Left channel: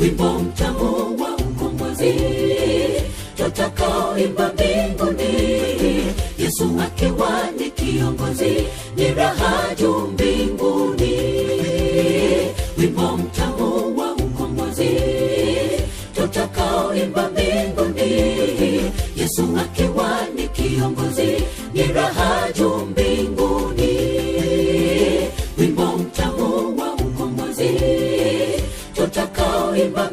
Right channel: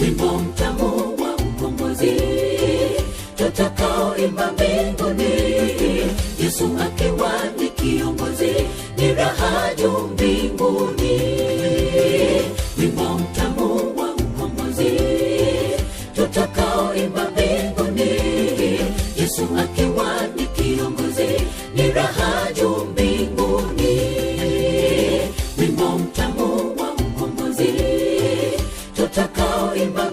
wimbo mtamu wa ukombozi tutakaoimba mbinguni. Yesu akiwa ni kiongozi, ni raha juu mbinguni. Wimbo mtamu wa ukombozi tutakaoimba mbinguni. Yesu akiwa ni kiongozi, ni raha juu mbinguni. Wimbo mtamu wa ukombozi tutakaoimba